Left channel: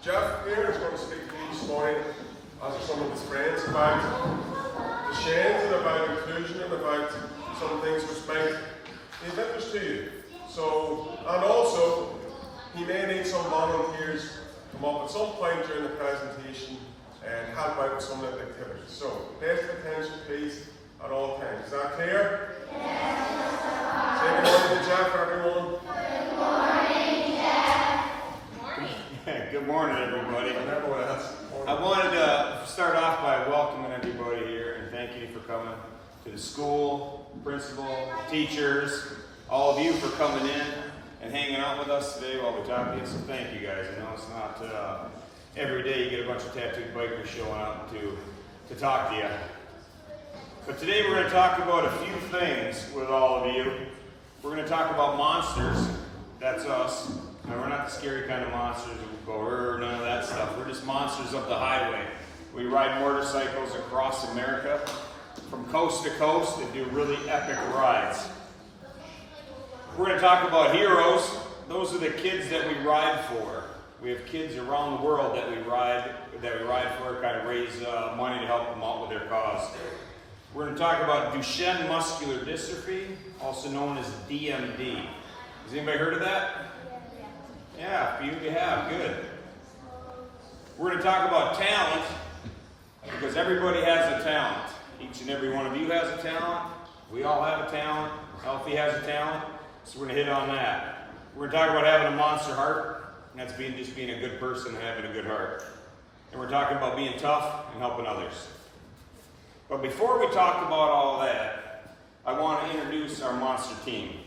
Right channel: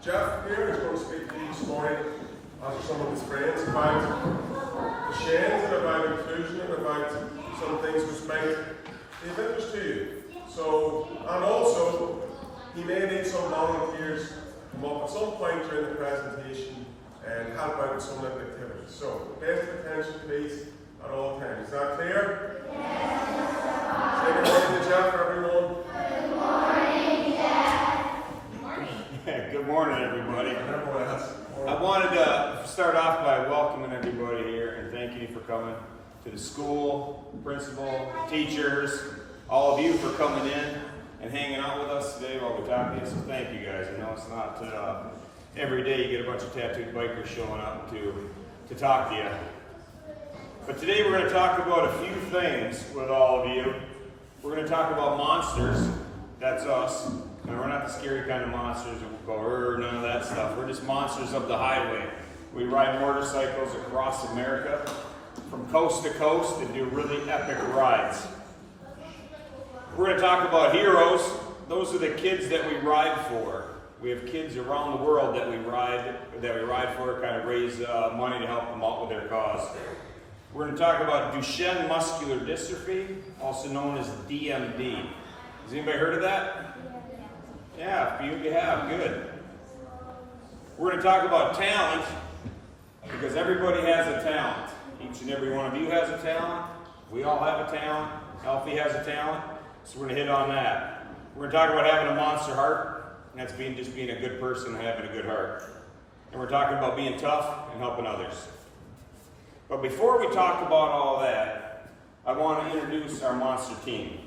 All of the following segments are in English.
Jeff here is going to speak to you this morning, as are some of his friends, about the sheds and about inclusion and about some things which might be of interest to you. So, and also, he may need some volunteers to come up at some point during the presentation and help out with some little activities. So, best attention please at all times. Is that clear? Yes. Say good morning to Jeff, everyone. Good morning, Jeff. Good morning. Good morning, everybody. I wanted to start off by welcoming everybody here and thanking you for coming to the school, principal, teachers, all of you for coming in and hanging out with us today while we talk to you. So thank you guys. I know it's not every day you get a bunch of tattooed bikers showing up to talk to you. But today we're going to talk about a few things with all of you. We're going to talk about monsters. That's us. And we're not the scary kind of monsters that will go, none of that stuff. We're just monsters of the highway. We ride motorcycles across America from coast to coast and do really epic rides. We're going to talk about heroes. Those are the kids that we ride for. We have kids around the world that we ride for, kind of raise money to help them out with their cause. We're going to talk about Duchenne muscular dystrophy, also known as DMD. Has anybody heard of that? Yeah, a few of you have. Good. We're going to talk about talent, because everybody has a talent. Each and every one of you has a talent. We all have a talent. Alfie has a talent. So we're going to hit on that. We're going to talk about having a monster heart, and that's just being a good person and having a good heart. And we're talking about being tough and helping others. But before we talk about all of that, I want to introduce our monster team.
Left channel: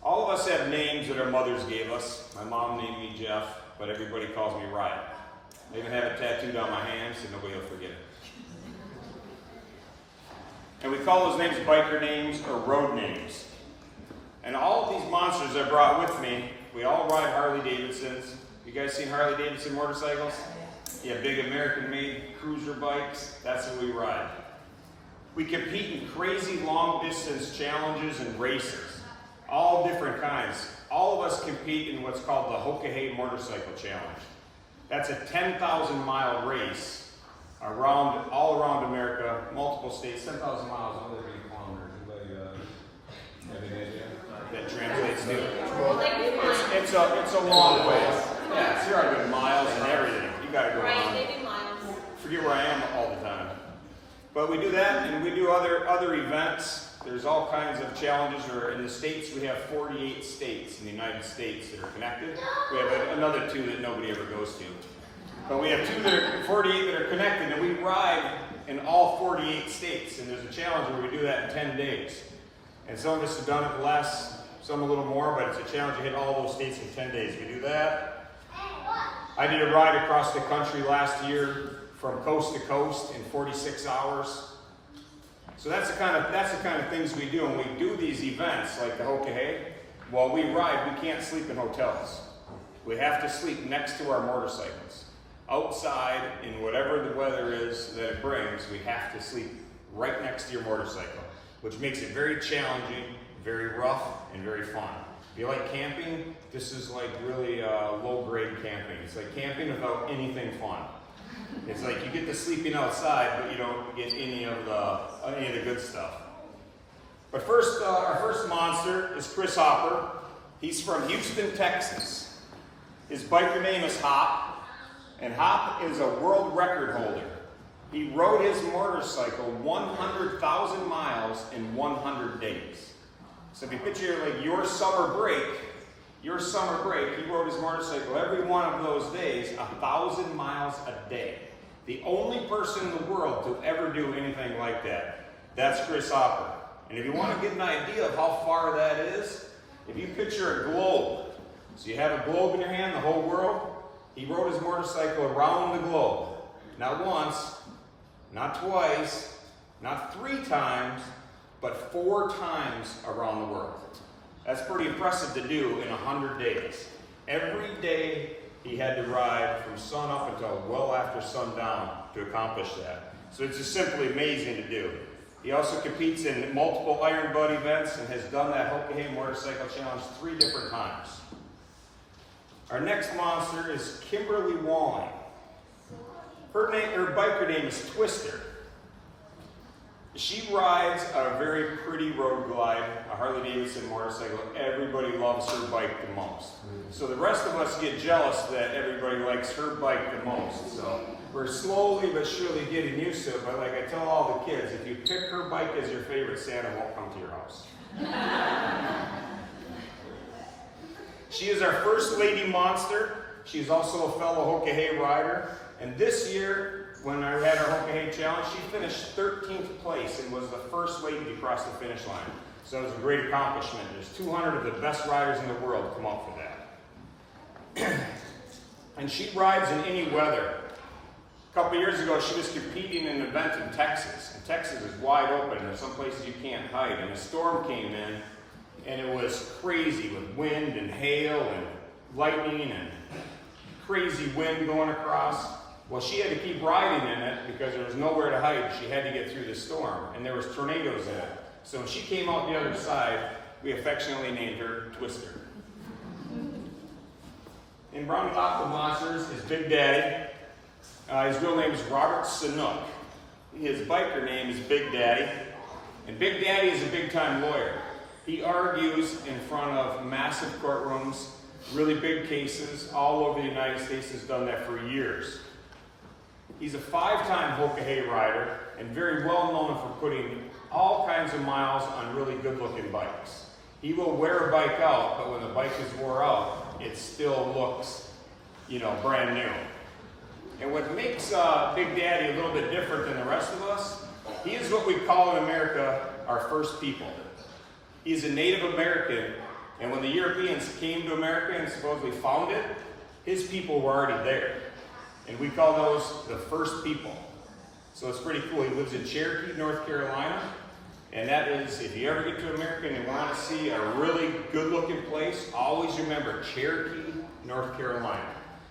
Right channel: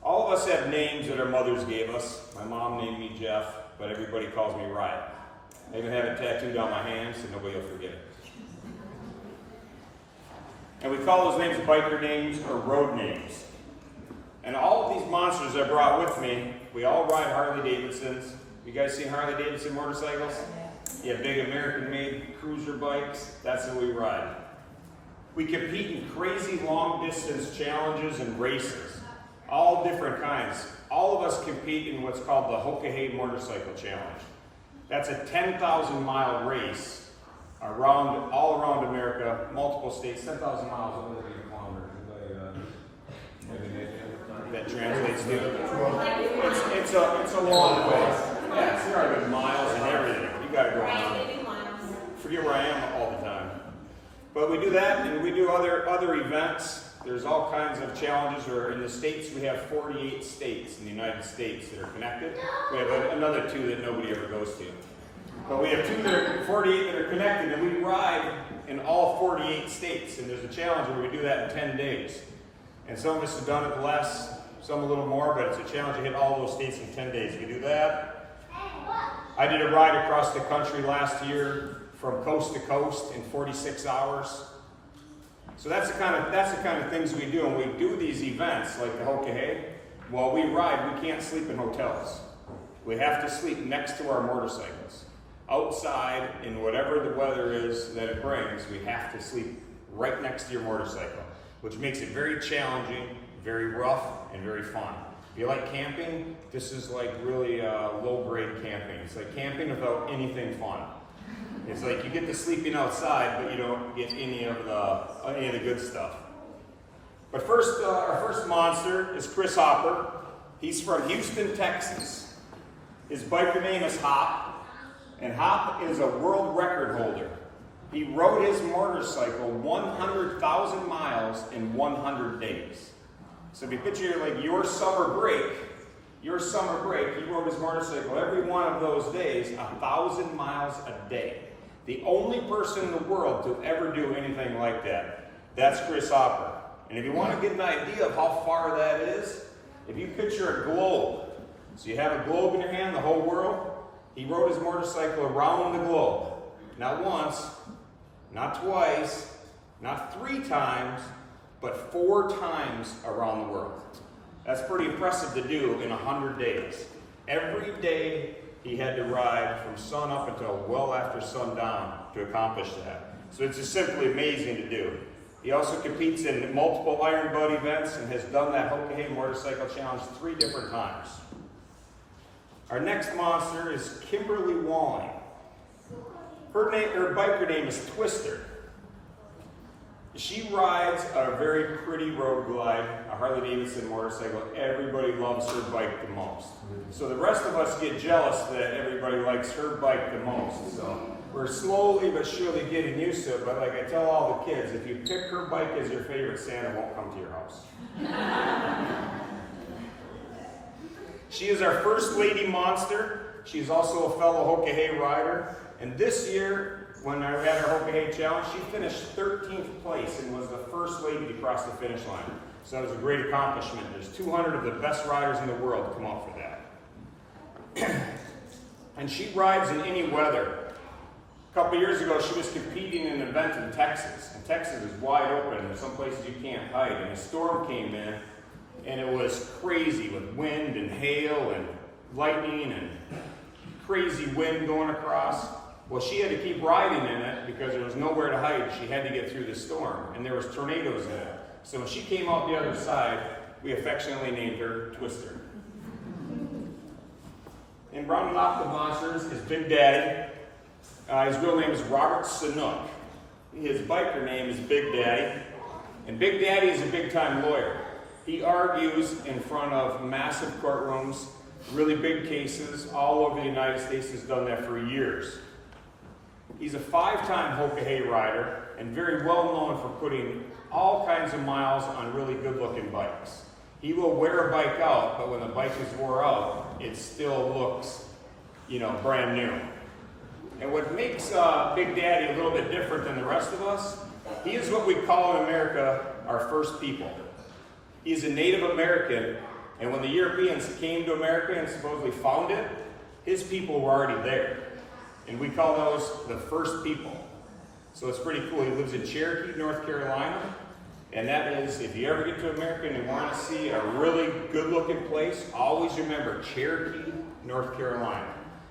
All of us have names that our mothers gave us. My mom named me Jeff, but everybody calls me Ryan. I even have it tattooed on my hand so nobody will forget it. And we call those names biker names or road names. And all of these monsters I brought with me, we all ride Harley Davidsons. You guys seen Harley Davidson motorcycles? Yeah, big American-made cruiser bikes. That's what we ride. We compete in crazy long-distance challenges and races. All different kinds. All of us compete in what's called the Hokahay Motorcycle Challenge. That's a 10,000-mile race all around America, multiple states. 10,000 miles, what would it be in kilometers? Anybody have any idea? That translates to? It's a long way. Yeah, it's right with miles and everything. You got to go on. Forget where I am all the time. But we do that, and we do other events. There's all kinds of challenges. In the States, we have 48 states in the United States that are connected. We have another 2 that nobody ever goes to. But we have 48 that are connected, and we ride in all 48 states. And there's a challenge where we do that in 10 days. And some of us have done it less, some a little more, but it's a challenge to hit all those states in 10 days. We do that. I did a ride across the country last year from coast to coast in 46 hours. So that's the kind of things we do, and we do these events like the Hokahay. While we ride, we can't sleep in hotels. We have to sleep next to our motorcycles. Outside, in whatever the weather is that it brings, we have to sleep right next to your motorcycle, which makes it very challenging, very rough, and very fun. If you like camping, this is like really low-grade camping. It's like camping without anything fun. It's like you get the sleeping outside, but you don't get any of the good stuff. But first, our first monster is Chris Hopper. He's from Houston, Texas. His biker name is Hop, and Hop is a world record holder. He rode his motorcycle 100,000 miles in 100 days. So if you picture like your summer break, he rode his motorcycle every one of those days, 1,000 miles a day. The only person in the world to ever do anything like that. That's Chris Hopper. And if you want to get an idea of how far that is, if you picture a globe, so you have a globe in your hand, the whole world, he rode his motorcycle around the globe. Not once, not twice, not 3 times, but 4 times around the world. That's pretty impressive to do in 100 days. Every day he had to ride from sun up until well after sundown to accomplish that. So it's just simply amazing to do. He also competes in multiple Iron Bud events and has done that Hokahay Motorcycle Challenge 3 different times. Our next monster is Kimberly Walling. Her biker name is Twister. She rides a very pretty road glide, a Harley Davidson motorcycle. Everybody loves her bike the most. So the rest of us get jealous that everybody likes her bike the most. So we're slowly but surely getting used to it. But like I tell all the kids, if you pick her bike as your favorite, Santa won't come to your house. She is our first lady monster. She's also a fellow Hoka rider. And this year, when I had our Hoka Challenge, she finished 13th place and was the first lady to cross the finish line. So that was a great accomplishment. There's 200 of the best riders in the world come out for that. And she rides in any weather. A couple years ago, she was competing in an event in Texas. And Texas is wide open, and some places you can't hide. And a storm came in, and it was crazy with wind and hail and lightning and crazy wind going across. Well, she had to keep riding in it because there was nowhere to hide. She had to get through the storm, and there was tornadoes in it. So when she came out the other side, we affectionately named her Twister. And rounding off the monsters is Big Daddy. His real name is Robert Sanook. His biker name is Big Daddy. And Big Daddy is a big-time lawyer. He argues in front of massive courtrooms, really big cases all over the United States. Has done that for years. He's a 5-time Hoka rider and very well known for putting all kinds of miles on really good-looking bikes. He will wear a bike out, but when the bike is wore out, it still looks, brand new. And what makes Big Daddy a little bit different than the rest of us, he is what we call in America our first people. He is a Native American, and when the Europeans came to America and supposedly found it, his people were already there. And we call those the first people. So it's pretty cool. He lives in Cherokee, North Carolina. And that is, if you ever get to America and you want to see a really good-looking place, always remember Cherokee, North Carolina.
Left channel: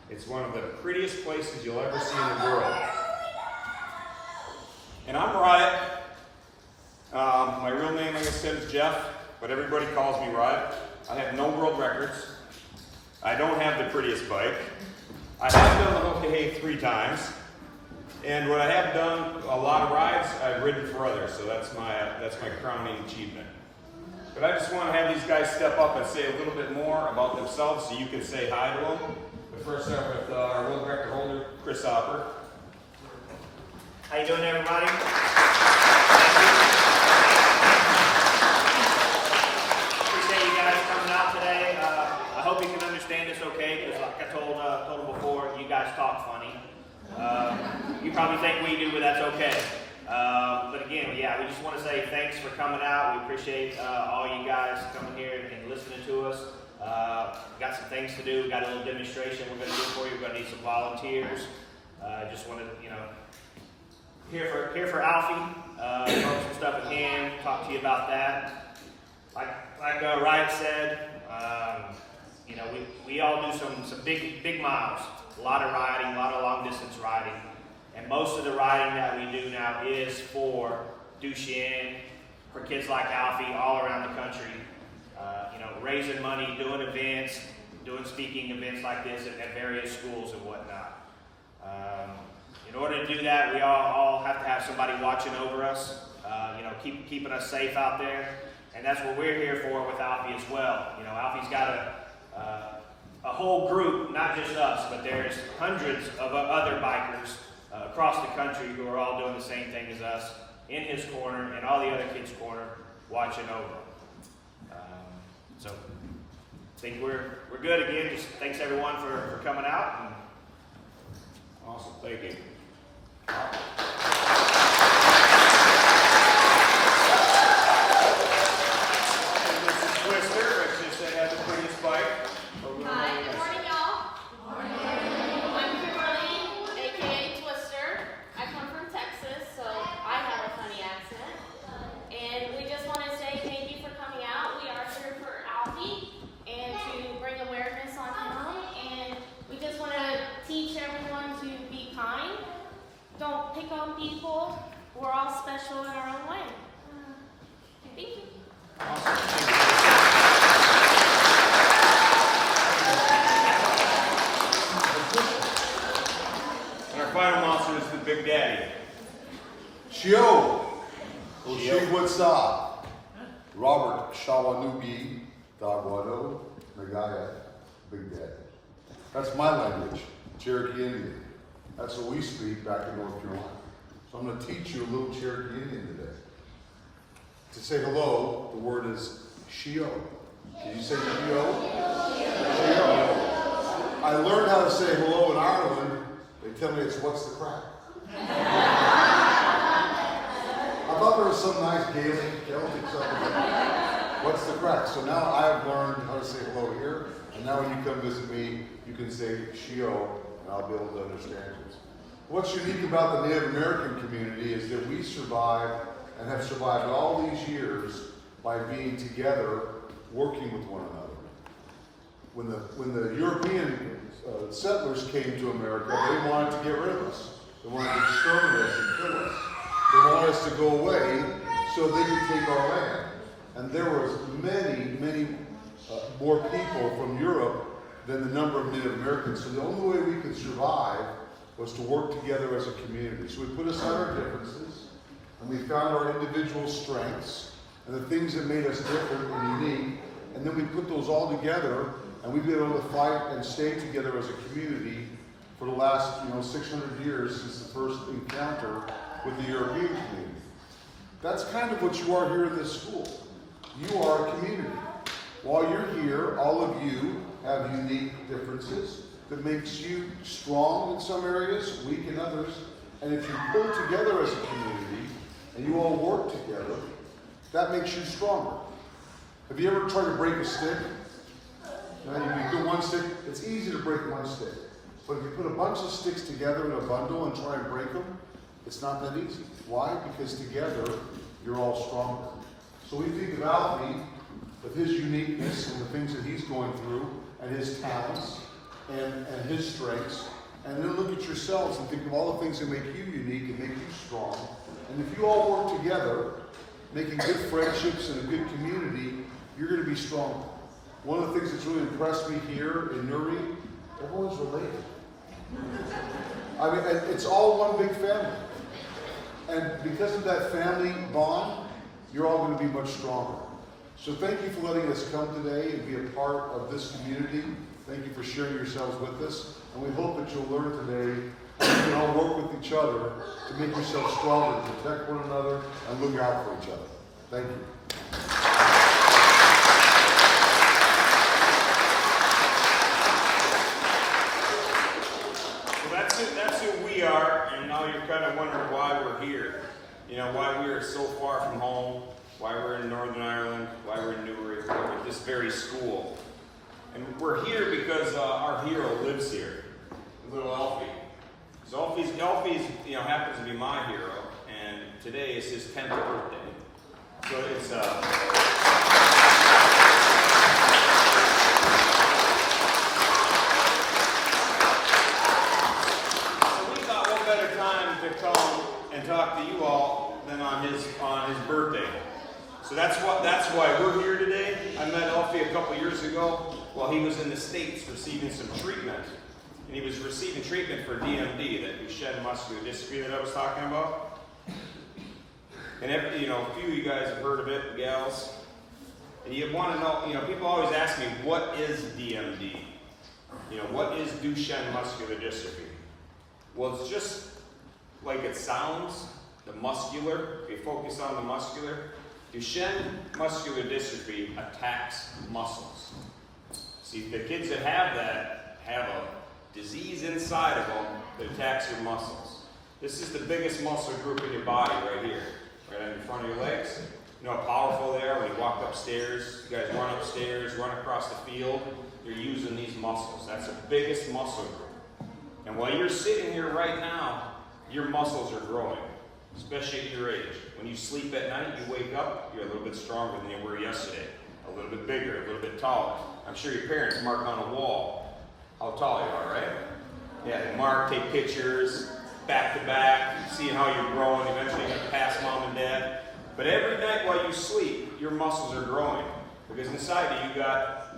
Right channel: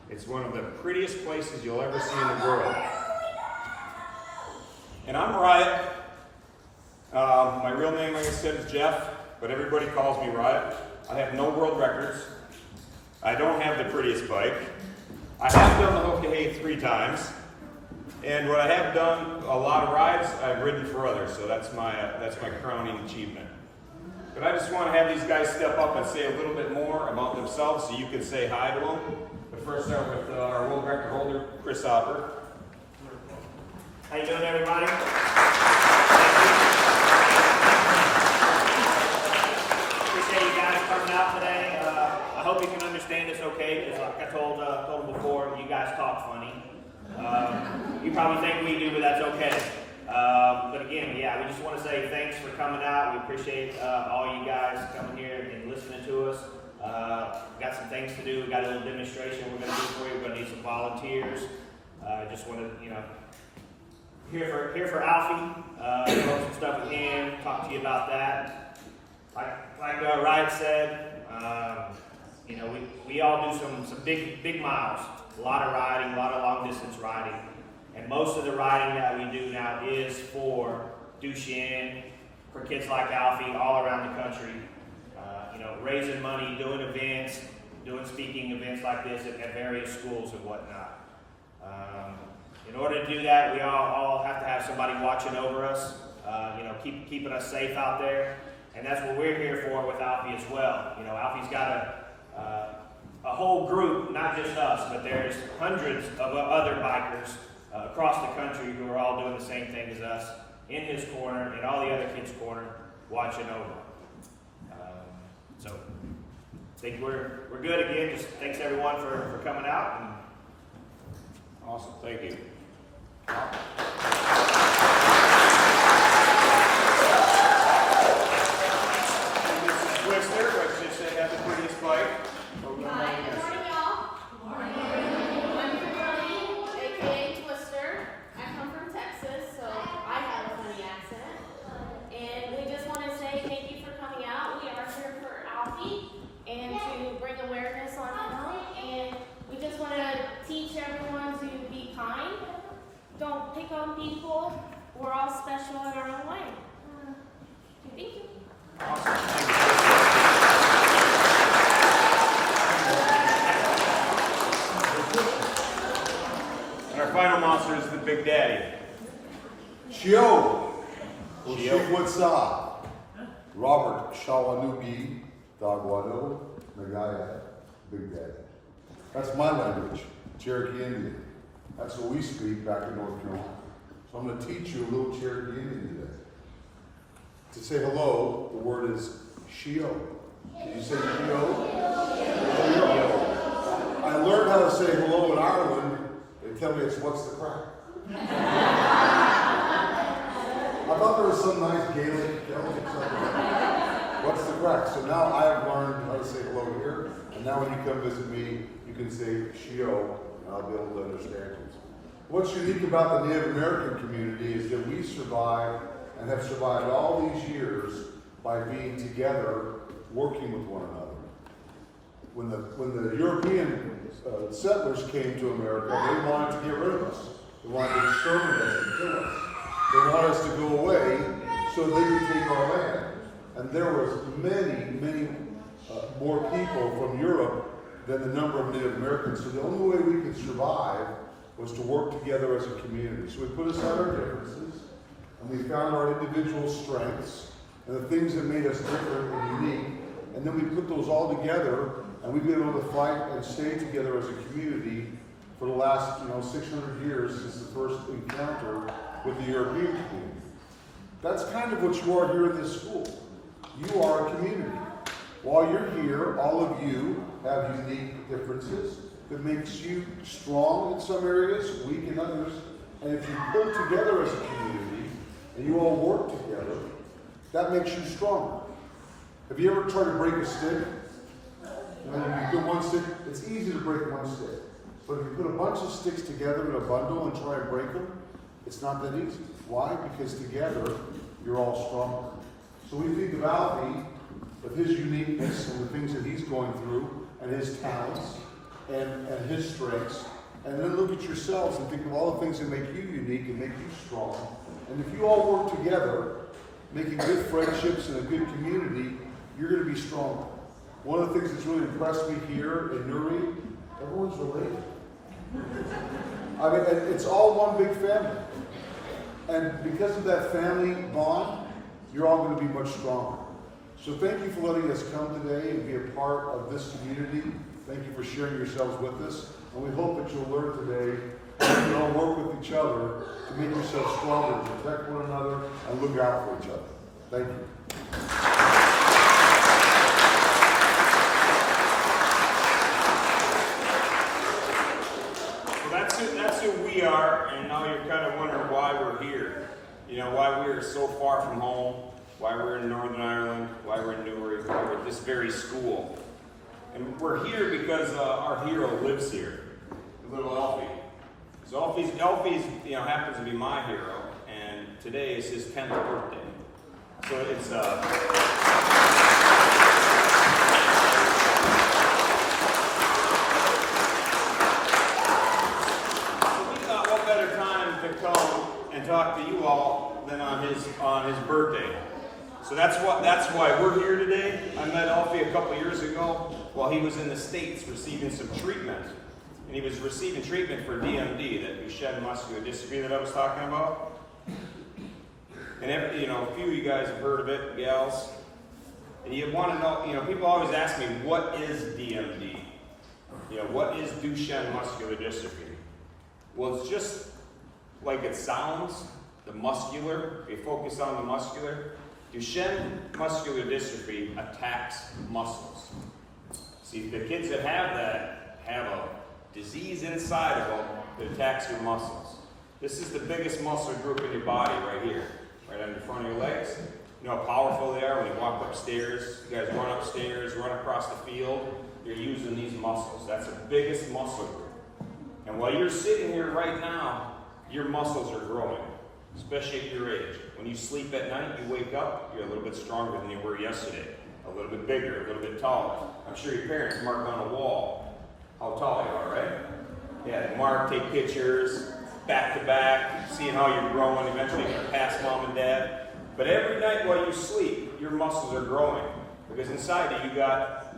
It's one of the prettiest places you'll ever see in the world. And I'm Riot. My real name, like I said, is Jeff, but everybody calls me Riot. I have no world records. I don't have the prettiest bike. I have done the Hoka 3 times, and what I have done, a lot of rides, I've ridden for others, so that's my crowning achievement. But I just want to have these guys step up and say a little bit more about themselves so you can say hi to them. But first, start with our world record holder, Chris Hopper. How you doing, everybody? Appreciate you guys coming out today. I hope you can understand us okay, because like I told them before, you guys talk funny. You probably think we do, but that's okay. But again, we just want to say thanks for coming out. We appreciate all you guys coming here and listening to us. Got some things to do. We got a little demonstration we're going to do for you. We're going to need some volunteers. Just want to, here for Alfie. Know some stuff with him. Talk to you about that. Like Riot said, we all do some big miles. A lot of riding, a lot of long distance riding. And most of the riding that we do now is for Duchenne, for kids like Alfie all around the country. Raising money, doing events, doing speaking events like this at various schools and whatnot. In order to do that, we all have to have somebody watching over us, keeping us safe out there. And that's what we're here for with Alfie as well. Alfie's got a whole group, not just us, but there's hundreds of other bikers across the country who are all doing the same thing as us, in his corner, in all the other kids' corner, watching over. So, I think we're good again. Just thanks everyone for coming out. And Awesome, thank you. This is Twister, like just said, had the prettiest bike. Hi, good morning, y'all. I'm Kimberly, aka Twister. I come from Texas, so I have a funny accent. And we just want to say thank you for coming out. We are here for Alfie and to bring awareness on him. And we just want to teach everyone to be kind. Don't pick on people. We're all special in our own way. Thank you. Awesome. Thank you. our final monster is the Big Daddy. Shio. Shio. Oshigwatsa. Robert Shawanugi Dagwado Nagaya. Big Daddy. That's my language, Cherokee Indian. That's what we speak back in North Carolina. So I'm going to teach you a little Cherokee Indian today. To say hello, the word is Shio. Can you say Shio? Shio. I learned how to say hello in Ireland. They tell me it's what's the crack. I thought there was some nice Gaelic, Celtic something. What's the crack? So now I've learned how to say hello here. And now when you come visit me, you can say Shio, and I'll be able to understand you. What's unique about the Native American community is that we survived and have survived all these years by being together, working with one another. When the European settlers came to America, they wanted to get rid of us. They wanted to exterminate us and kill us. They wanted us to go away so they could take our land. And there was many more people from Europe than the number of Native Americans. So the only way we could survive was to work together as a community. So we put aside our differences, and we found our individual strengths, and the things that made us different and unique, and then we put those all together, and we've been able to fight and stay together as a community for the last 600 years since the first encounter with the European community. That's kind of what you are here in this school. You are a community. While you're here, all of you have unique differences that makes you strong in some areas, weak in others. And if you pull together as a community and you all work together, that makes you stronger. Have you ever tried to break a stick? You do one stick, it's easy to break one stick. But if you put a bunch of sticks together in a bundle and try and break them, it's not that easy. Why? Because together, you're all stronger. So we think of Alfie with his uniqueness and the things that he's going through and his talents and his strengths. And then look at yourselves and think of all the things that make you unique and make you strong. And if you all work together, making good friendships and a good community, you're going to be stronger. One of the things that's really impressed me here in Nuri, everyone's related. I mean, it's all one big family. And because of that family bond, you're all going to be much stronger. So thank you for letting us come today and be a part of this community. Thank you for sharing yourselves with us. And we hope that you'll learn today that you can all work with each other to make yourselves stronger, to protect one another, and look out for each other. Thank you. That's who we are, and now you're kind of wondering why we're here. Why we are so far from home, why we're in Northern Ireland, why we're in Newry, why we're at this very school. And we're here because our hero lives here, little Alfie. So Alfie's happens to be my hero, and today is his 10th birthday. So it's better time to come and talk to you all than on his birthday. So that's why we're here today. I met Alfie a couple years ago while he was in the States receiving some treatment. And he was receiving treatment for DMD, that Duchenne muscular dystrophy that I was talking about. And a few of you guys have heard of it, gals. And you want to know, people always ask me, what is DMD? What is Duchenne muscular dystrophy? Well, it's just like it sounds, the muscular. If you focus on the muscular, Duchenne muscular dystrophy attacks muscles. See, the kids that have that have a disease inside of them that attacks your muscles. This is the biggest muscle group in your body right here, right on the front of your legs. You know how powerful they are when you walk upstairs. You guys run upstairs, run across the field. You're using these muscles. That's the biggest muscle group. And while you're sitting here right now, your muscles are growing, especially at your age. When you sleep at night, you wake up, you're a little bit stronger than you were yesterday. A little bit bigger, a little bit taller. I'm sure your parents mark on a wall how tall you are, right? Yeah, they mark, take pictures, back to back, seeing how you're growing. Eventually you're gonna pass mom and dad. But every night while you sleep, your muscles are growing. Because inside you got,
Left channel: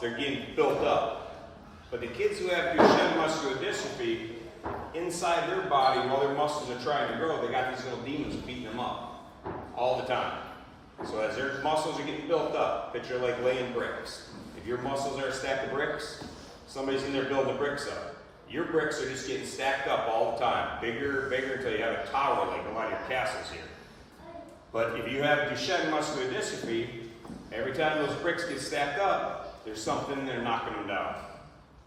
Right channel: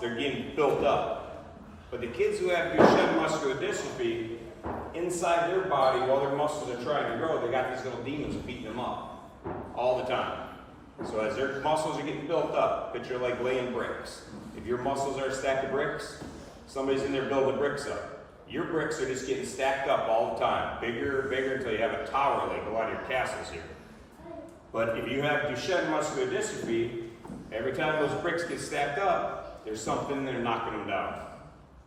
they're getting built up. But the kids who have Duchenne muscular dystrophy, inside their body, while their muscles are trying to grow, they got these little demons beating them up all the time. So as their muscles are getting built up, picture like laying bricks. If your muscles are a stack of bricks, somebody's in there building bricks up. Your bricks are just getting stacked up all the time, bigger and bigger until you have a tower like a lot of your castles here. But if you have Duchenne muscular dystrophy, every time those bricks get stacked up, there's something they're knocking them down,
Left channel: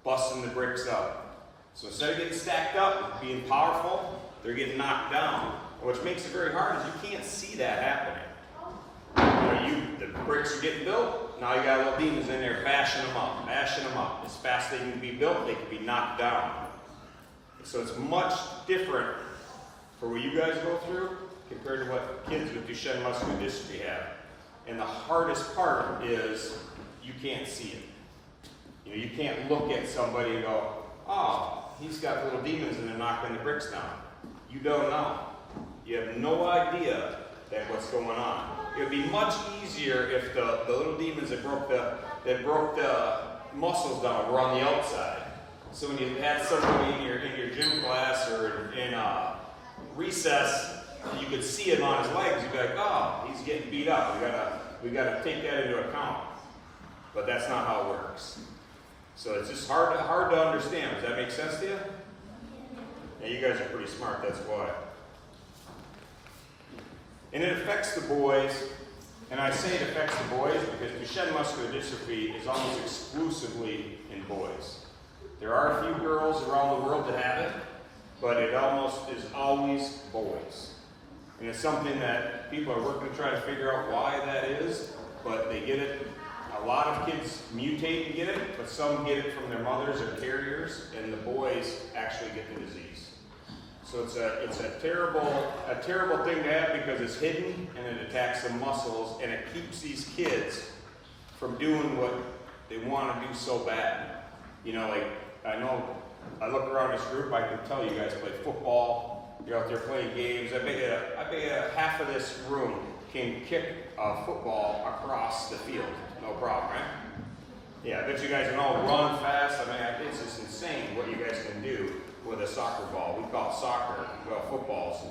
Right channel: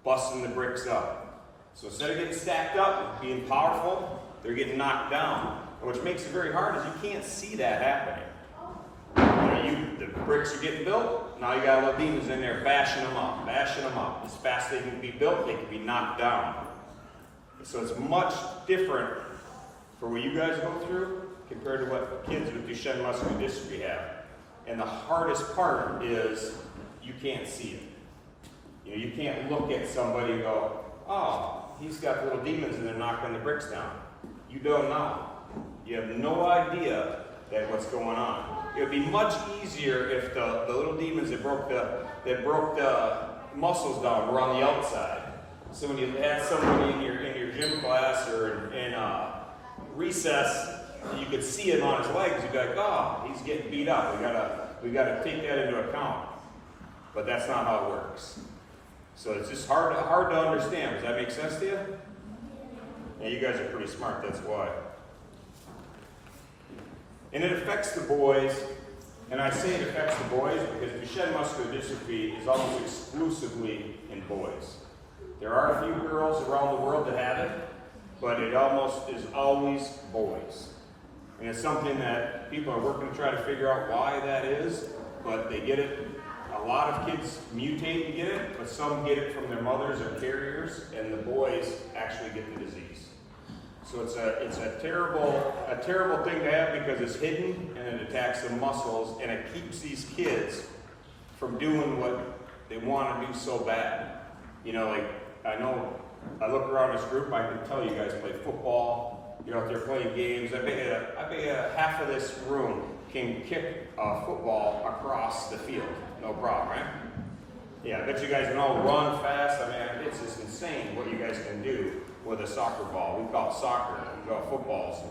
busting the bricks up. So instead of getting stacked up, being powerful, they're getting knocked down. And which makes it very hard is you can't see that happening. The bricks are getting built, now you got little demons in there bashing them up. As fast as they can be built, they can be knocked down. So it's much different for what you guys go through compared to what kids with Duchenne muscular dystrophy have. And the hardest part is you can't see it. You can't look at somebody and go, oh, he's got little demons and they're knocking the bricks down. You don't know. You have no idea that what's going on. It would be much easier if the little demons that broke the muscles down were on the outside. So when you had somebody in your gym class or in recess, you could see him on his legs. You'd be like, oh, he's getting beat up. We gotta take that into account. But that's not how it works. So it's just hard to understand. Does that make sense to you? Yeah, you guys are pretty smart. That's why. And it affects the boys, and I say it affects the boys because Duchenne muscular dystrophy is almost exclusively in boys. There are a few girls around the world that have it, but it almost is always boys. And it's something that people are working to try to figure out why that is, but they get it. A lot of kids mutate and get it, but some get it from their mothers or carriers, and the boys actually get the disease. So it's a terrible thing to have because it's hidden and it attacks the muscles and it keeps these kids from doing what they want to do so bad. Like I look around this group, I can tell you guys play football, you're out there playing games. I bet half of this room can kick a football across the field, no problem, right? Yeah, I bet you guys can all run fast. It's just insane what you guys can do with a soccer ball. We call it soccer, we call it footballs.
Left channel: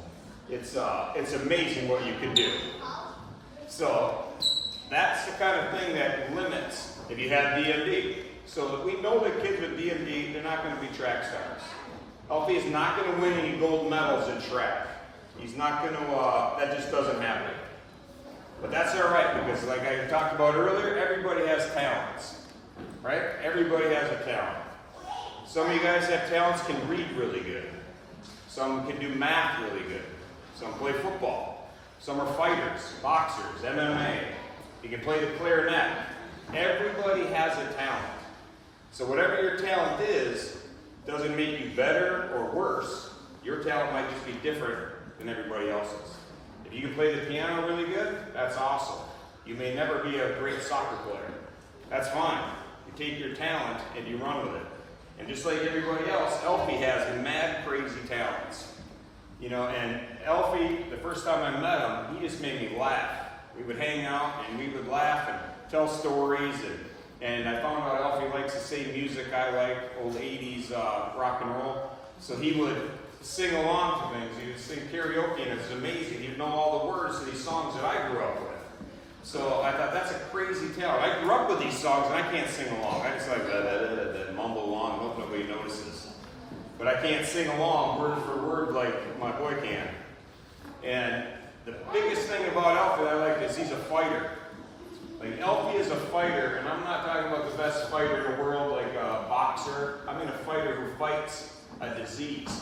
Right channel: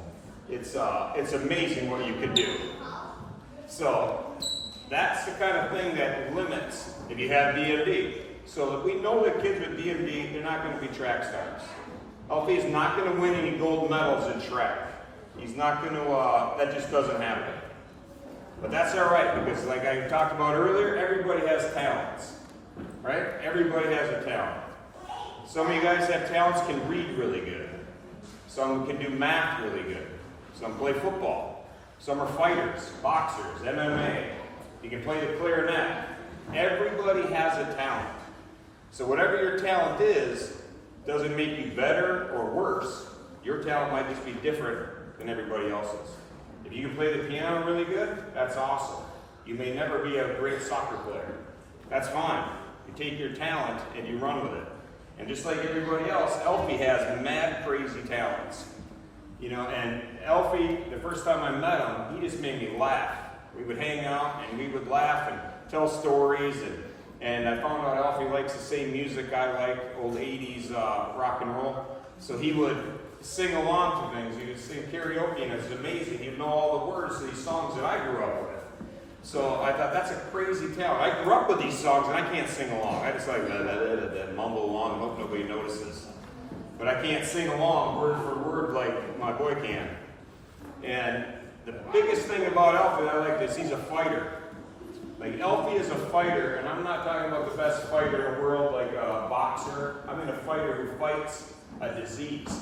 It's amazing what you can do. So that's the kind of thing that limits if you have DMD. So we know that kids with DMD, they're not going to be track stars. Alfie is not going to win any gold medals in track. He's not going to, that just doesn't happen. But that's all right because like I talked about earlier, everybody has talents, right? Everybody has a talent. Some of you guys have talents, can read really good. Some can do math really good. Some play football. Some are fighters, boxers, MMA. You can play the clarinet. Everybody has a talent. So whatever your talent is, doesn't make you better or worse. Your talent might just be different than everybody else's. If you can play the piano really good, that's awesome. You may never be a great soccer player. That's fine. You take your talent and you run with it. And just like everybody else, Alfie has mad crazy talents. And Alfie, the first time I met him, he just made me laugh. We would hang out and we would laugh and tell stories. And I found out Alfie likes the same music I like, old 80s rock and roll. So he would sing along to things. He would sing karaoke and it was amazing. He'd know all the words to these songs that I grew up with. So I thought, that's a crazy talent. I grew up with these songs and I can't sing along. I just like mumble along and hope nobody notices. But I can't sing along word for word like my boy can. And the biggest thing about Alfie that I like is he's a fighter. Like Alfie is a fighter, and I'm not talking about the best fighter in the world like a boxer. I mean a fighter who fights a disease.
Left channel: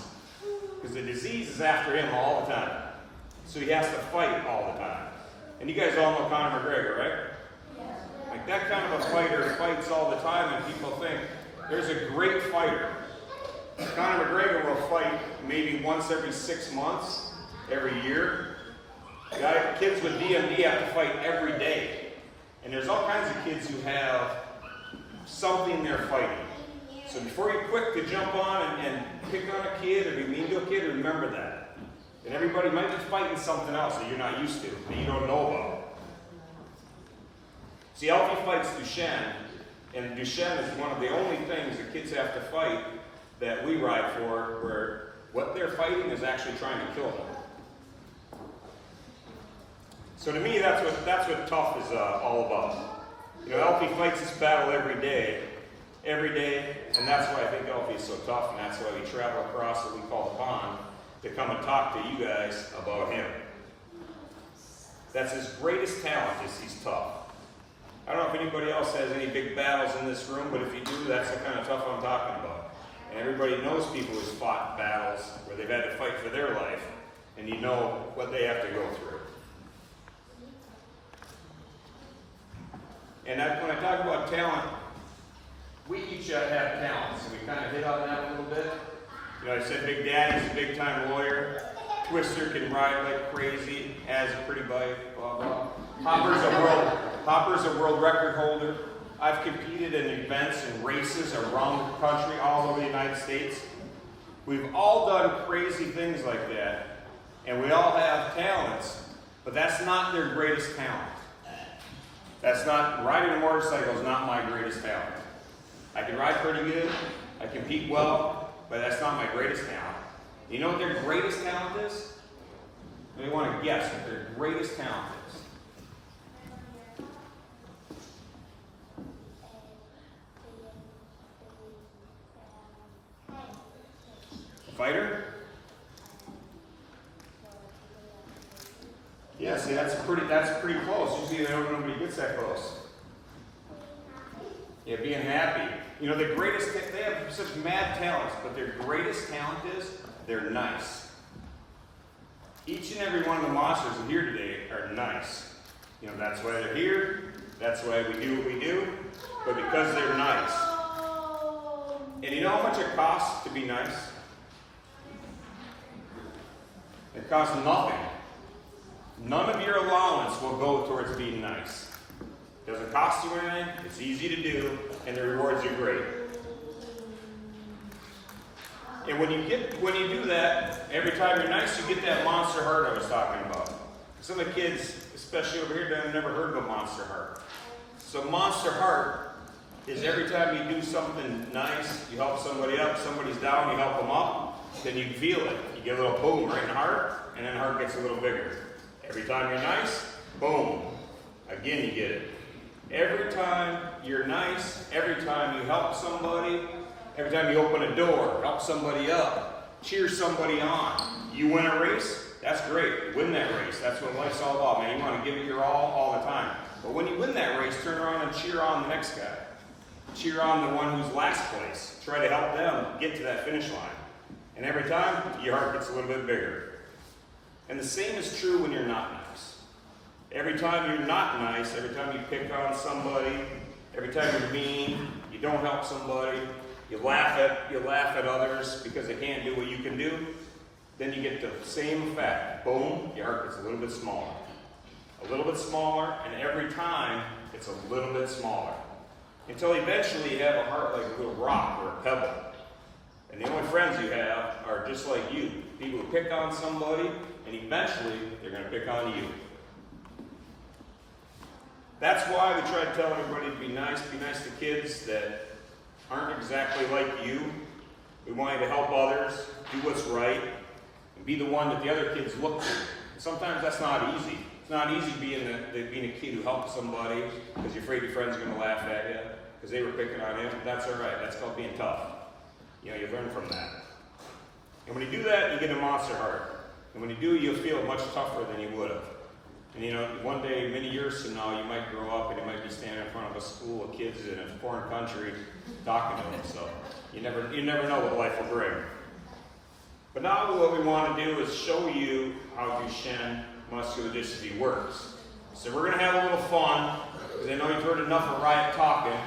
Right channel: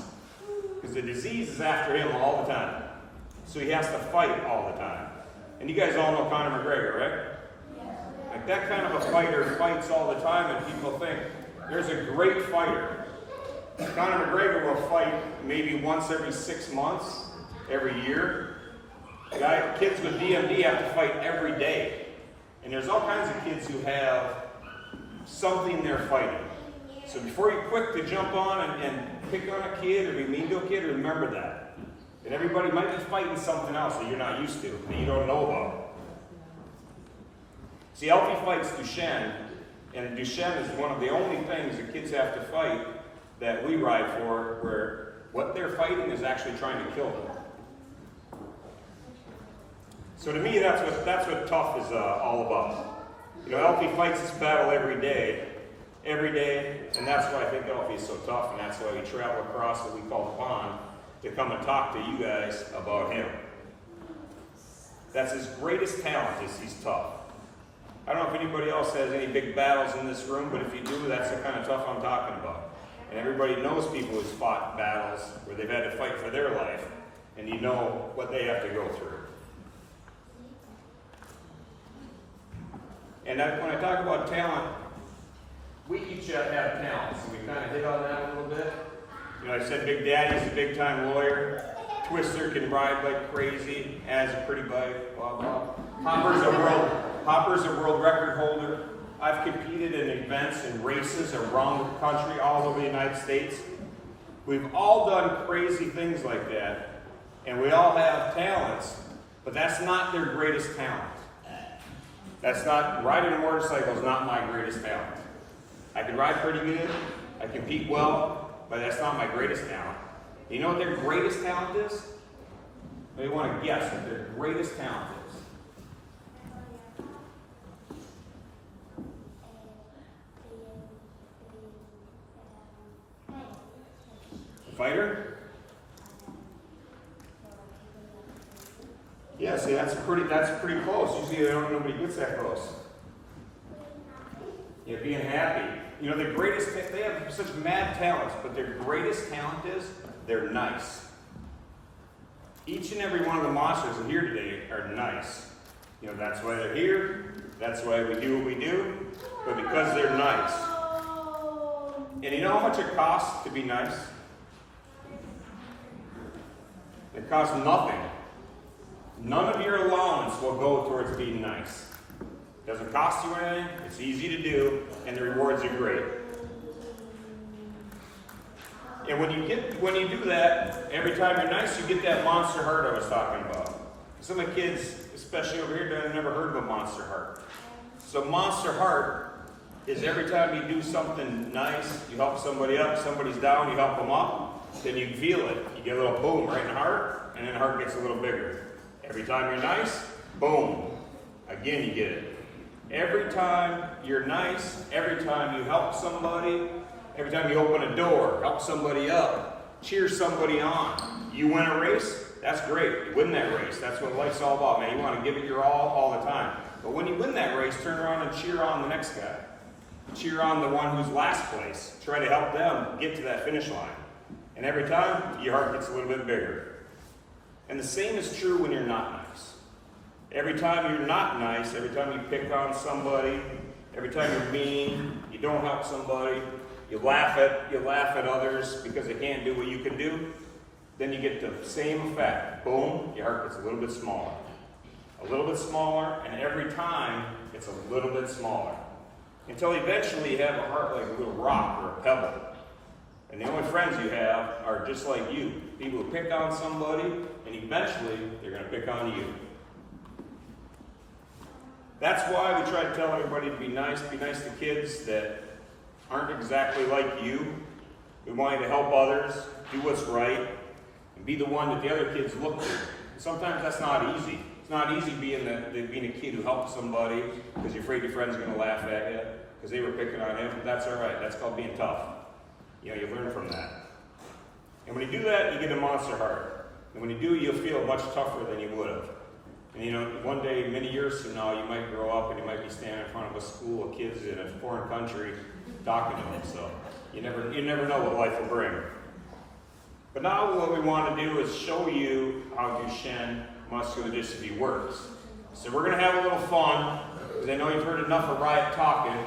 Because the disease is after him all the time. So he has to fight all the time. And you guys all know Conor McGregor, right? Like that kind of a fighter fights all the time and people think there's a great fighter. Conor McGregor will fight maybe once every 6 months, every year. Kids with DMD have to fight every day. And there's all kinds of kids who have something they're fighting. So before you're quick to jump on and pick on a kid or be mean to a kid, remember that. And everybody might be fighting something else that you're not used to, that you don't know about. See, Alfie fights Duchenne, and Duchenne is one of the only things that kids have to fight that we ride for where what they're fighting is actually trying to kill them. So to me, that's what tough is all about. You know, Alfie fights this battle every day, and that's why I think Alfie is so tough, and that's why we travel across what we call the pond to come and talk to you guys about him. That's his greatest talent, is he's tough. I don't know if anybody else has any big battles in this room, but if you do, that's the kind of tough I'm talking about. And everybody knows people who's fought battles where they've had to fight for their life, and you know what they have to go through. And when I talk about talent, we each have talents, and we kind of hit on that a little bit. You know, I said Big Daddy's a big-time lawyer. Twister can ride like crazy, has a pretty bike, blah, blah. Hopper's a world record holder. I've competed in events and races around the country, all over the United States. We've all done crazy things like that, and we all have talents, but that's not their greatest talent. Riding a motorcycle is not my greatest talent. I can ride pretty good, I compete well, but that's not my greatest talent. You know what their greatest talent is? They want to guess what their greatest talent is. Fighter? Yeah, see, that's pretty close. Usually nobody gets that close. Yeah, being happy. You know, they have such mad talents, but their greatest talent is they're nice. Each and every one of the monsters in here today are nice. You know, that's why they're here. That's why we do what we do. But because they're nice. And you know how much it costs to be nice? It costs nothing. None of your allowance will go towards being nice. It doesn't cost you anything, it's easy to do, and the rewards are great. And when you do that, every time you're nice, you get that monster heart I was talking about. Some of the kids, especially over here, have never heard of a monster heart. So monster heart is every time you do something nice, you help somebody up, somebody's down, you help them up, then you feel it. You get a little boom right in the heart, and then the heart gets a little bigger. Every time you're nice, boom. Again, you get it. Every time you're nice, every time you help somebody, every time you open a door, help somebody up, cheer somebody on. You win a race, that's great. You win that race. That's what life's all about, man. You want to give it your all the time. But when you win that race, turn around and cheer on the next guy. Cheer on the one who's last place. Try to help them get to that finish line. And every time, your heart gets a little bit bigger. And the same is true when you're not nice. Every time you're not nice, every time you pick on somebody, every time you're mean, you don't help somebody, you laugh at others because they can't do what you can do, then you get the same effect. Boom, your heart gets a little bit smaller. A little bit smaller, and every time it's a little bit smaller. Until eventually you have a heart like a little rock or a pebble. And the only friends you have are just like you. People who pick on somebody, and eventually they're going to pick on you. That's why we try to tell everybody to be nice to kids that aren't exactly like you. We want you to help others, do what's right, and be the one that the other kids look to. And sometimes that's not easy. It's not easy being a kid who helps somebody because you're afraid your friends are going to laugh at you because they were picking on him. But that's all right. That's called being tough. You know, you learn from that. And when you do that, you get a monster heart. And when you do, you'll feel much tougher than you would have. And you know, one day, many years from now, you might grow up and you might be standing in front of a school of kids in a foreign country talking to them. So you never know what life will bring. But now what we want to do is show you how Duchenne muscular dystrophy works. So we're going to have a little fun, because I know you've heard enough of Riot talking.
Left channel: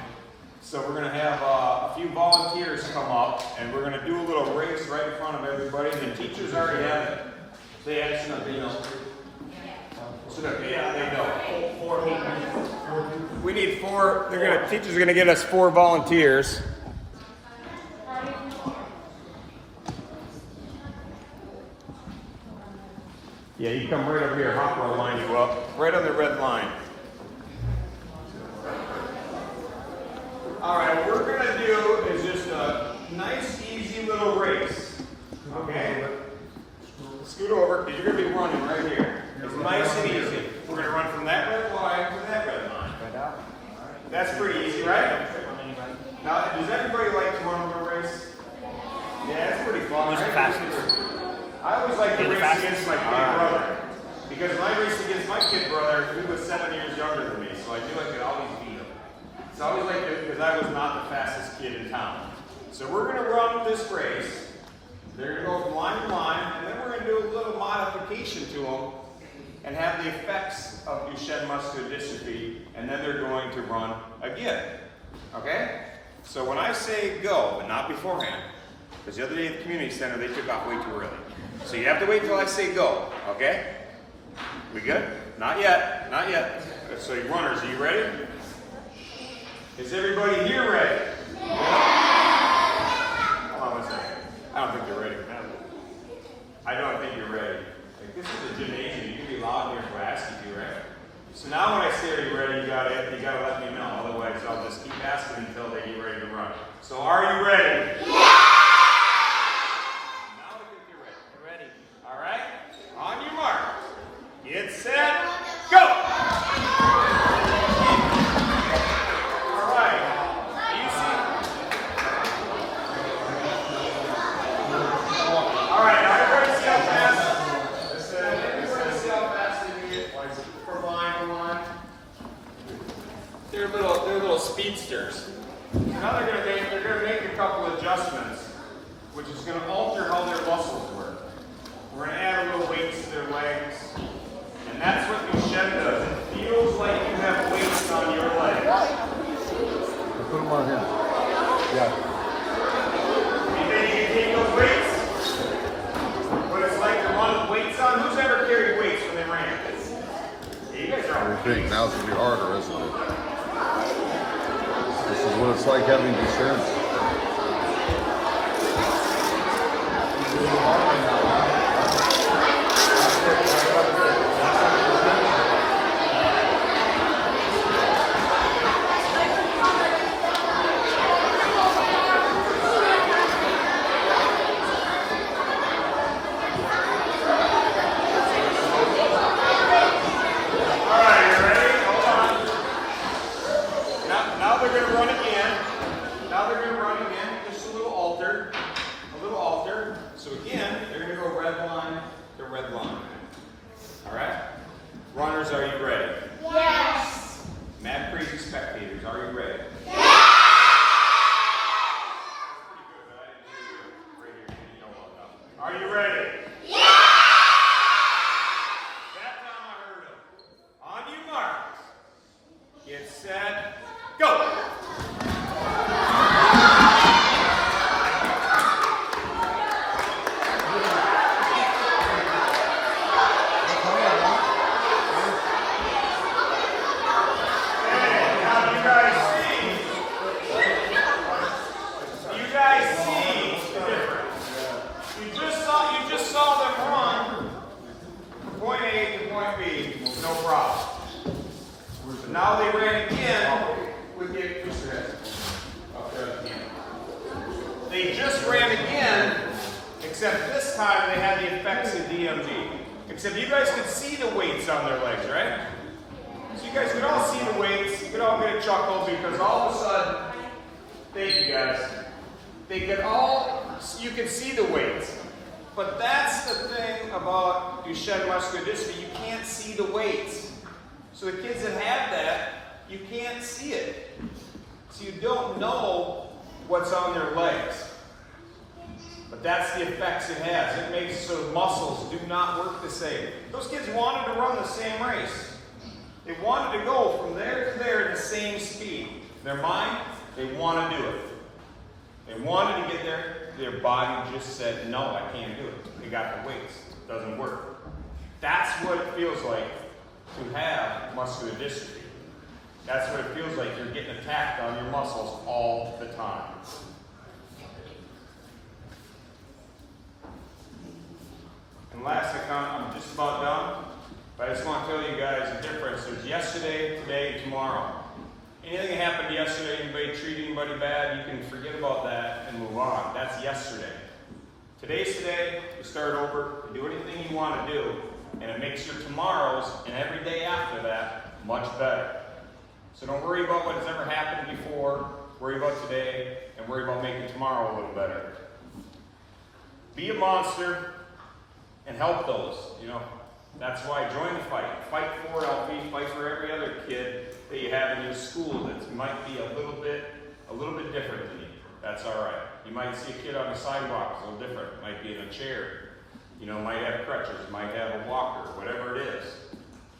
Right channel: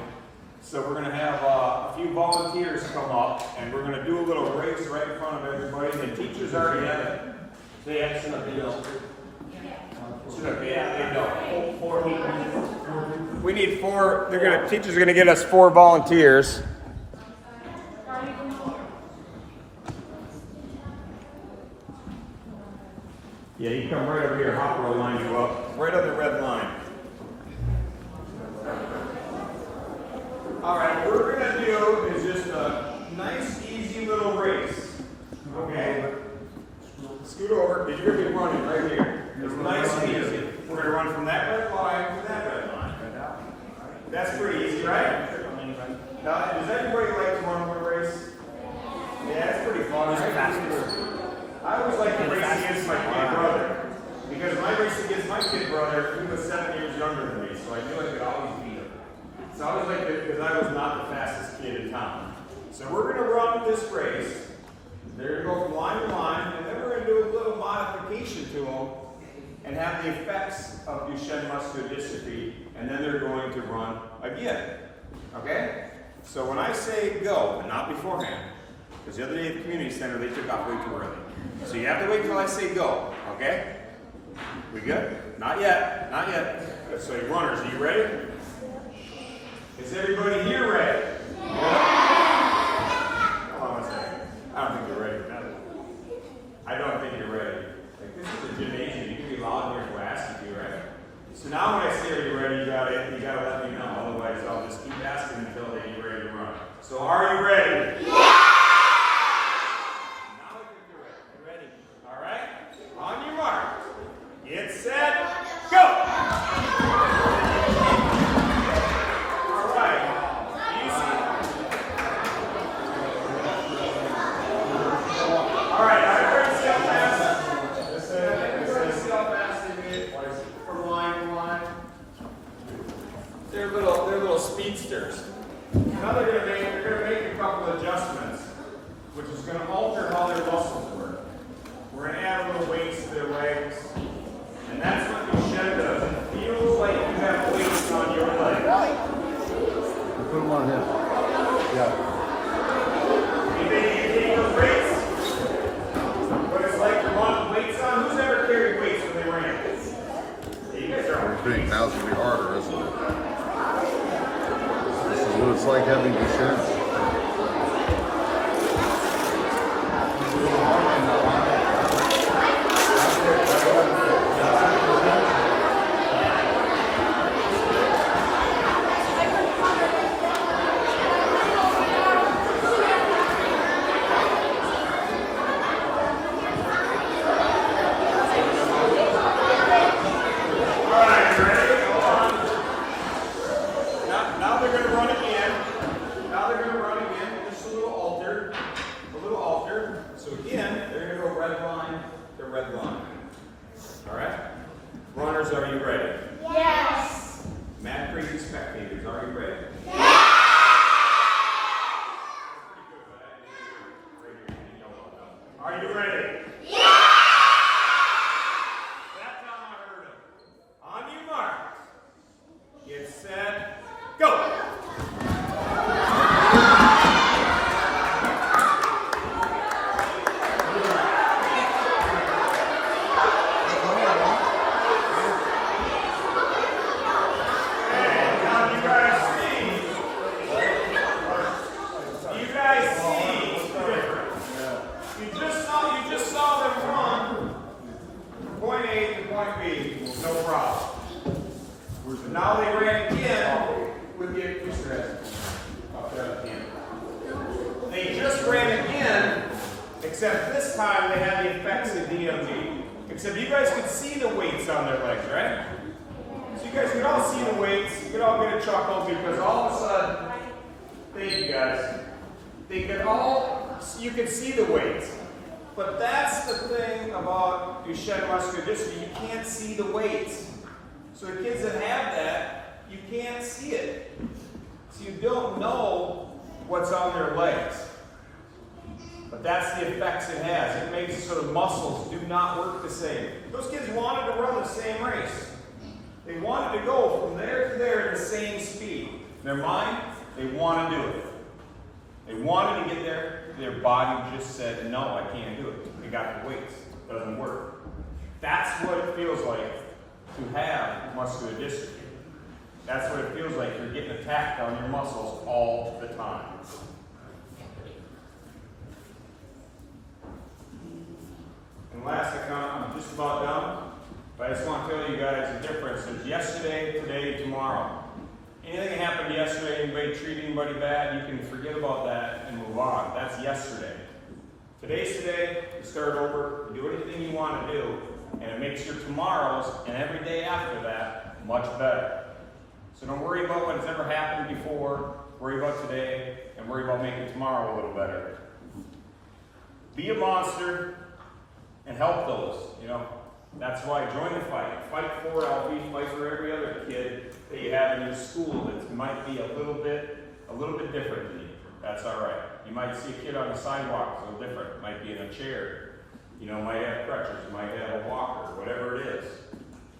So we're going to have a few volunteers come up, and we're going to do a little race right in front of everybody. And the teachers already have it. They actually know. Yeah, they know. 4 people. We need 4. Teachers are going to get us 4 volunteers. Yeah, you come right over here. Hopper will line you up. Right on the red line. All right, what we're going to do is just a nice, easy little is you're going to be running right here. It's nice and easy. We're going to run from that red line to that red line. That's pretty easy, right? Now, does everybody like to run a race? Yeah, it's pretty fun. Who's the fastest? I always like to race against my kid brother. Because when I raced against my kid brother, he was 7 years younger than me, so I knew I could always beat him. So I always liked it because I was not the fastest kid in town. So we're going to run this race. They're going to go from line to line, and then we're going to do a little modification to them and have the effects of Duchenne muscular dystrophy, and then they're going to run again. Okay? So when I say go, but not beforehand, because the other day at the community center, they took off way too early. So you have to wait till I say go, okay? We good? Not yet, not yet. So you runners, are you ready? Is everybody here ready? Oh, I don't think you're ready for that. I don't think you're ready. Like, this is a gymnasium. You can be loud in your class if you're ready. So now when I say are you ready, you gotta let me know. Otherwise I'll just keep asking until they get ready to run. So are you ready? Yeah! Now I think you're ready. You're ready. All right? On your mark. Get set. Go! All right. Easy. All right, everybody see how fast? Everybody see how fast they get from line to line? They're little speedsters. Now they're gonna make a couple adjustments, which is gonna alter how their muscles work. We're gonna add a little weights to their legs. And that's what Duchenne does. It feels like you have weights on your legs. Put one here. Yeah. You think you can take those weights? What it's like to run with weights on? Who's ever carried weights when they ran? Yeah, you guys are on Big. Now it's gonna be harder, isn't it? This is what it's like having insurance. Except you guys could see the weights on their legs, right? So you guys could all see the weights. You could all get a chuckle because all of a sudden, thank you guys, you can see the weights. But that's the thing about Duchenne muscular dystrophy, you can't see the weights. So the kids that have that, you can't see it. So you don't know what's on their legs. But that's the effects it has. It makes it so the muscles do not work the same. Those kids wanted to run the same race. They wanted to go from there to there at the same speed. In their mind, they want to do it. They wanted to get there. Their body just said, no, I can't do it. They got the weights. It doesn't work. That's what it feels like to have muscular dystrophy. That's what it feels like. You're getting attacked on your muscles all the time. And last account, I'm just about done, but I just want to tell you guys the difference. There's yesterday, today, tomorrow. Anything that happened yesterday, anybody treat anybody bad, you can forget about that and move on. That's yesterday. Today's today, you start over, you do anything you want to do, and it makes your tomorrows and every day after that much better. So don't worry about what has ever happened before, worry about today, and worry about making tomorrow a little better. Be a monster and help those, That's why join the fight. Fight for Alfie, fight for every other kid that you have in your school that might be a little bit different than you. That's all right. You might see a kid on the sidewalk, a little different. Might be in a chair. Might have crutches, might have a walker, whatever it is.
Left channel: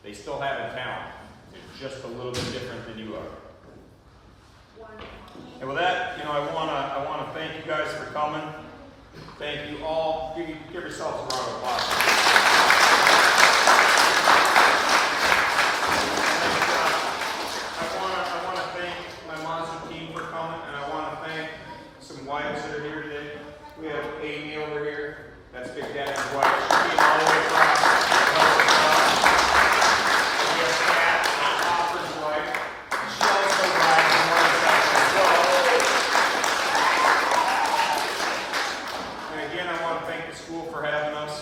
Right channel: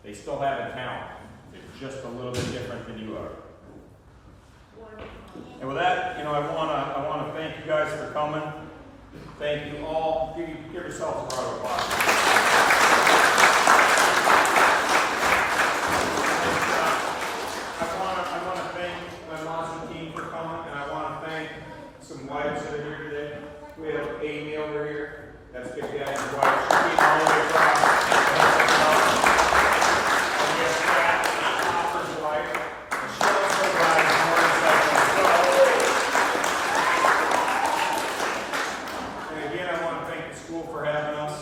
They still have a talent. It's just a little bit different than you are. And with that, I want to thank you guys for coming. Thank you all. Give yourselves a round of applause. I want to thank my monster team for coming, and I want to thank some wives that are here today. We have Amy over here. That's Big Daddy's wife. She's being all the way across. And we have Pat, Hopper's wife. And she also rides a motorcycle as well. And again, I want to thank the school for having us.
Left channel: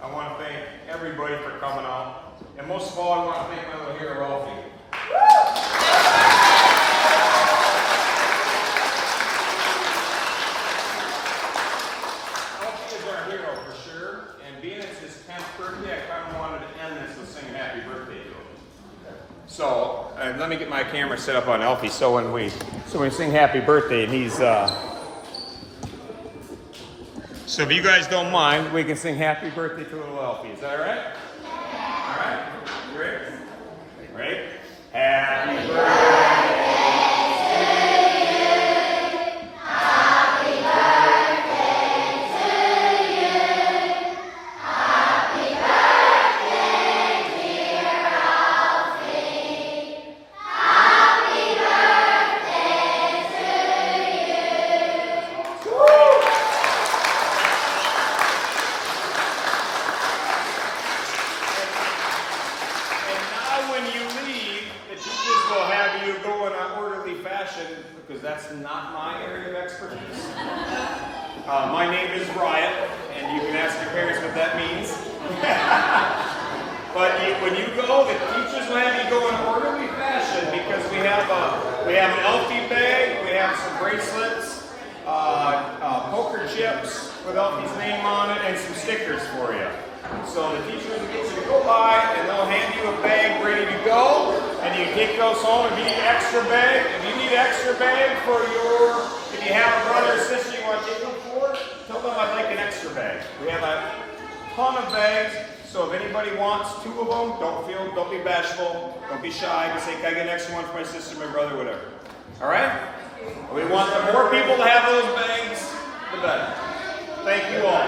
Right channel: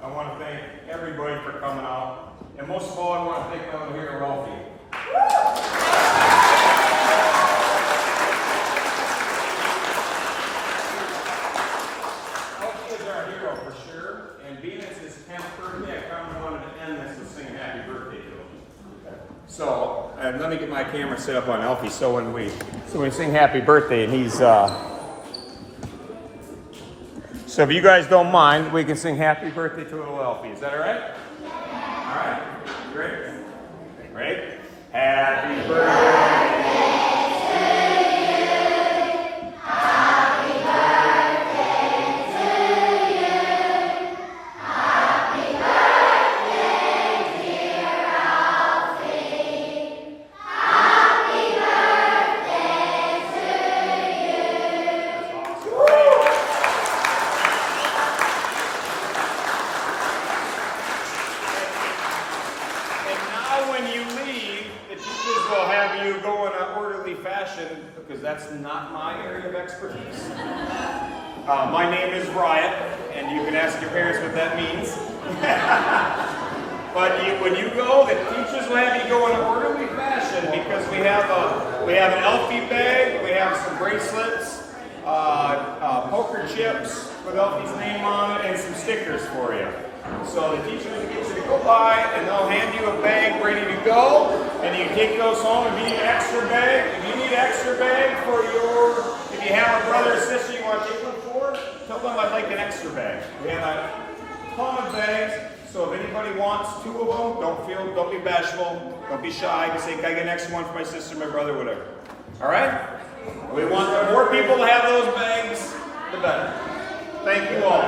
I want to thank everybody for coming out. And most of all, I want to thank my little hero, Alfie. Alfie is our hero for sure. And being it's his 10th birthday, I kind of wanted to end this with singing happy birthday to him. So, let me get my camera set up on Alfie. So when we sing happy birthday, and he's so if you guys don't mind, we can sing happy birthday to little Alfie. Is that all right? All right. Great. Ready? Happy birthday to you. Happy birthday to you. Happy birthday, dear Alfie. Happy birthday to you. That's awesome. When you leave, the teachers will have you go in an orderly fashion because that's not my area of expertise. My name is Riot, and you can ask your parents what that means. But when you go, the teachers will have you go in an orderly fashion because we have an Alfie bag, we have some bracelets, poker chips with Alfie's name on it, and some stickers for you. So the teachers will get you to go by, and they'll hand you a bag ready to go, and you take those home. If you need an extra bag, if you have a brother or sister you want to take one for, tell them I'd like an extra bag. We have a ton of bags, so if anybody wants 2 of them, don't be bashful, don't be shy. Just say, can I get an extra one for my sister, my brother, whatever. All right? We want the more people to have those bags, the better. Thank you all.